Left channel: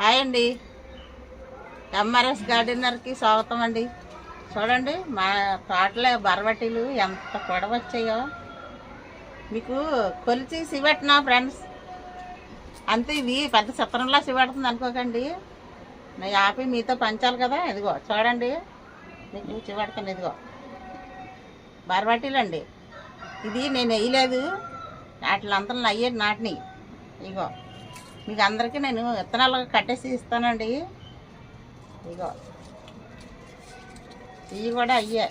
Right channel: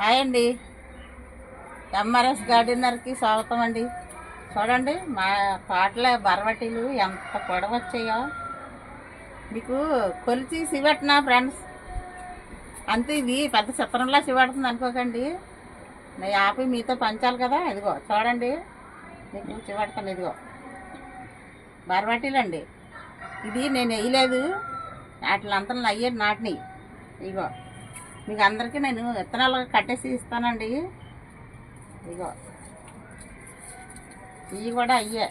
Hi అండి. MRS గార్డెనర్కి స్వాగతం అండి. చూడండి మా తోటలో బరవటీలు ఎంత పొడవు వచ్చాయో మీకు కొలిచి సివెట్నా ఫ్రెండ్స్. అంతే, ఇవి పెద్ద చిత్రంలా సివెడుతుంది అనుకోకండి. నా యాపి మీతో పంచాలి కదా. ఇదిగో చూడండి, మీకు చివడతాను. ఇదిగో బరవటీలు అండి. ఇది నేను వేయలేదు, వాటిలంతా అయ్యే నాటిని. ఇగో మీకు అందరికీ నేను విత్తనాలు కట్టేసి ఇస్తానండి. ఇగో ఇవి కూడా అయ్యే,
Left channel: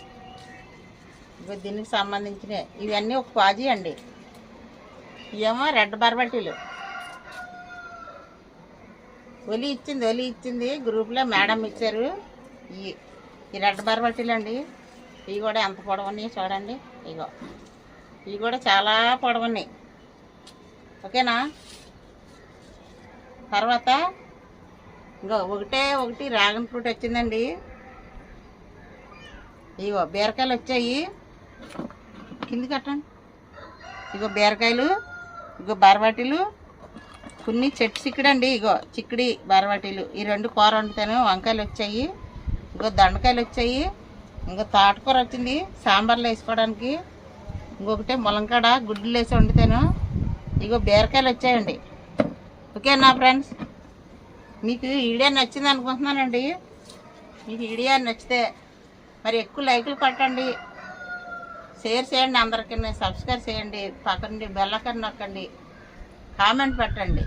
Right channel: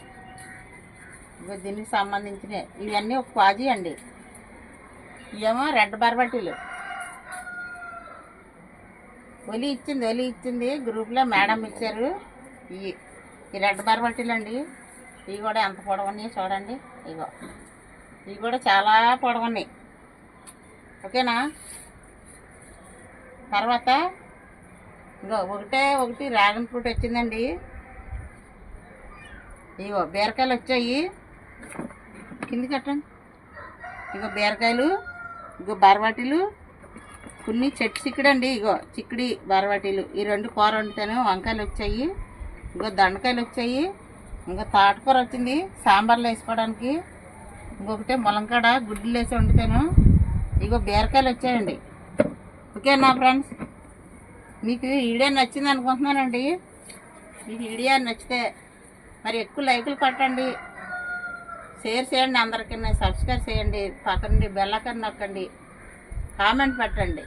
ఇగో దీనికి సంబంధించినవి. ఇవన్నీ ఒక పాజీ అండి. ఇవేమో రెడ్ బర్బటీలు. ఒలి ఇచ్చింది గ్రూప్లో మేడం ఇచ్చారు. ఈ రెడ్ బర్బటీలు అండి. ఇవి కూడా ఎంత పొడవున్నాయి చూడండి. ఇగో ఇవి కూడా చాలా పొడవున్నాయి. ఓకేనా. తర్వాత ఇంకో ఒకటి డ్రాగన్ ఫ్రూట్ వచ్చిందండి. ఇగో బీరకాయలు వచ్చాయి, కింది కట్టండి. ఇగో బీరకాయలు, ఇగో బరవాటీలు, కొన్ని చెట్టు చిక్కుడండి. ఇగో చిక్కుడి బరవాటీలు. ఈ రెండు కూర వండుతాను. వంకాయలు వచ్చాయి, ఇగో దండకాయలు వచ్చాయి, ఇంకో తోటకూర వచ్చింది సాంబార్లో వేసుకోవడానికి. ఇంకొకటి ములంకాడ గుడ్లు వేసి వండుతాను. ఇగో బీరకాయలు వచ్చాయండి. ఓకేనా ఫ్రెండ్స్, మీకు వీడియో నచ్చింది అనుకుంటున్నానండి. మీకు వీడియో నచ్చితే మరి ఎక్కువ లైకులు కొట్టండి, షేర్ చేయండి, అందరికీ సబ్స్క్రైబ్ చేయండి, పక్కనండి బెల్లకని నొక్కండి, కామెంట్ పెట్టండి.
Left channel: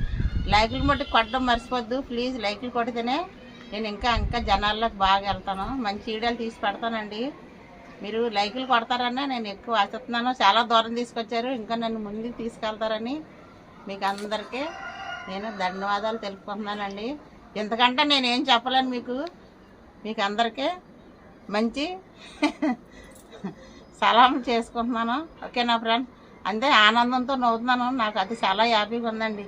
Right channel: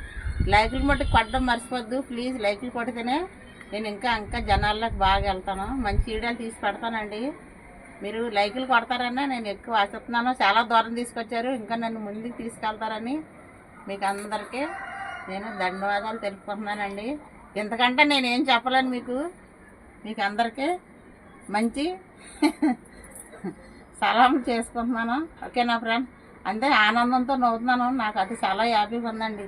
లైకులు మట్టి కొట్టడం మర్చిపోద్దు ప్లీజ్. లైకులు కొడితేనే నేను ఇంకా జనాల్లోకి బాగా వెళ్తాను, మంచి వీడియోలు తీసి పెడతానండి. మీరు లైకులు కొడతారని నేను ఎక్కువ ఆశిస్తున్నాను. చాలా దూరం తీసుకొచ్చారు, ఇంకా నన్ను ముందుకు తీసుకెళ్తారని మీకు అందరికీ నేను ధన్యవాదాలు తెలుపుకుంటున్నానండి. ఎందుకంటే నేనేం చెప్పలేను మీకు అందరికీ మంచి సలాం చేసుకుంటున్నాను. ఓకేనా ఫ్రెండ్. అంతే ఆనందంతో నవ్వుతున్నాను. నాకు అది చాలా హ్యాపీగా ఉందండి.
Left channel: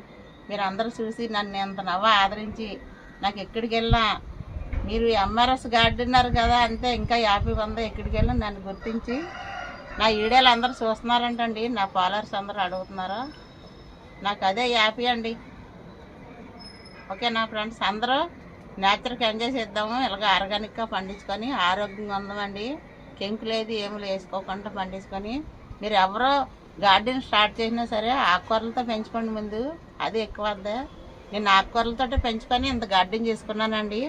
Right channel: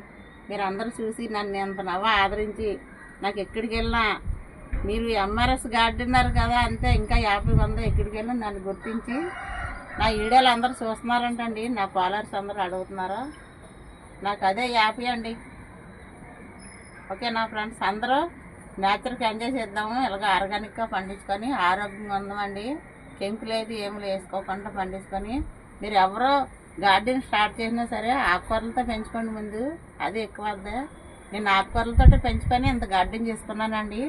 మీరు అందరూ చూసి నన్ను ఎంత ఆదరించి నాకు ఎక్కడికి వెళ్ళినా మీరు ఎంఆర్ఎస్ గార్డెనర్ కదా అంతే ఇంకా హ్యాపీగా ఉందా. ఎక్కడికి వెళ్ళి నన్ను గుర్తించి నా వీడియోలు అందరూ చూస్తున్నారంటండి. నా ఫాలోవర్స్ అందరూ అడుగుతున్నారు. నాకు అదే హ్యాపీ అండి. ఓకేనా ఫ్రెండ్స్, అందరూ నేచర్కి ఎంజాయ్ చేద్దాము. ఇలాగ ఆర్గానిక్గా పండించుకొని ఆరోగ్యంగా ఉందామండి. కెమికల్ అయితే ఏమి వేసుకోకుండా పండించుకొని మీరు ఎవరో గార్డెన్ స్టార్ట్ చేసినా సరే ఆకుకూరలతో పెంచుకోండి ముందు. అది ఎక్కువ వద్ద. నేను ఆకుకూరలతో పెంచుకొని ఇంత గార్డెన్ చేసుకున్నానండి.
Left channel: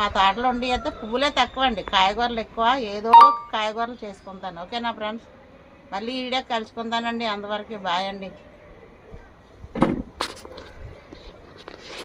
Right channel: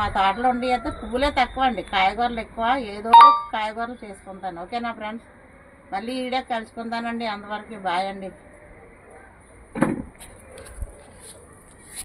మా తోటలో ఉండి అయితే పువ్వులే తక్కువ అండి, కాయగూరలు ఎక్కువ. ఏదో కాయగూరలు చేసుకుంటాను. ఓకేనా ఫ్రెండ్స్, మళ్ళీ ఈడే కలుసుకుంటానండి. అంతవరకు బాయ్ అండి.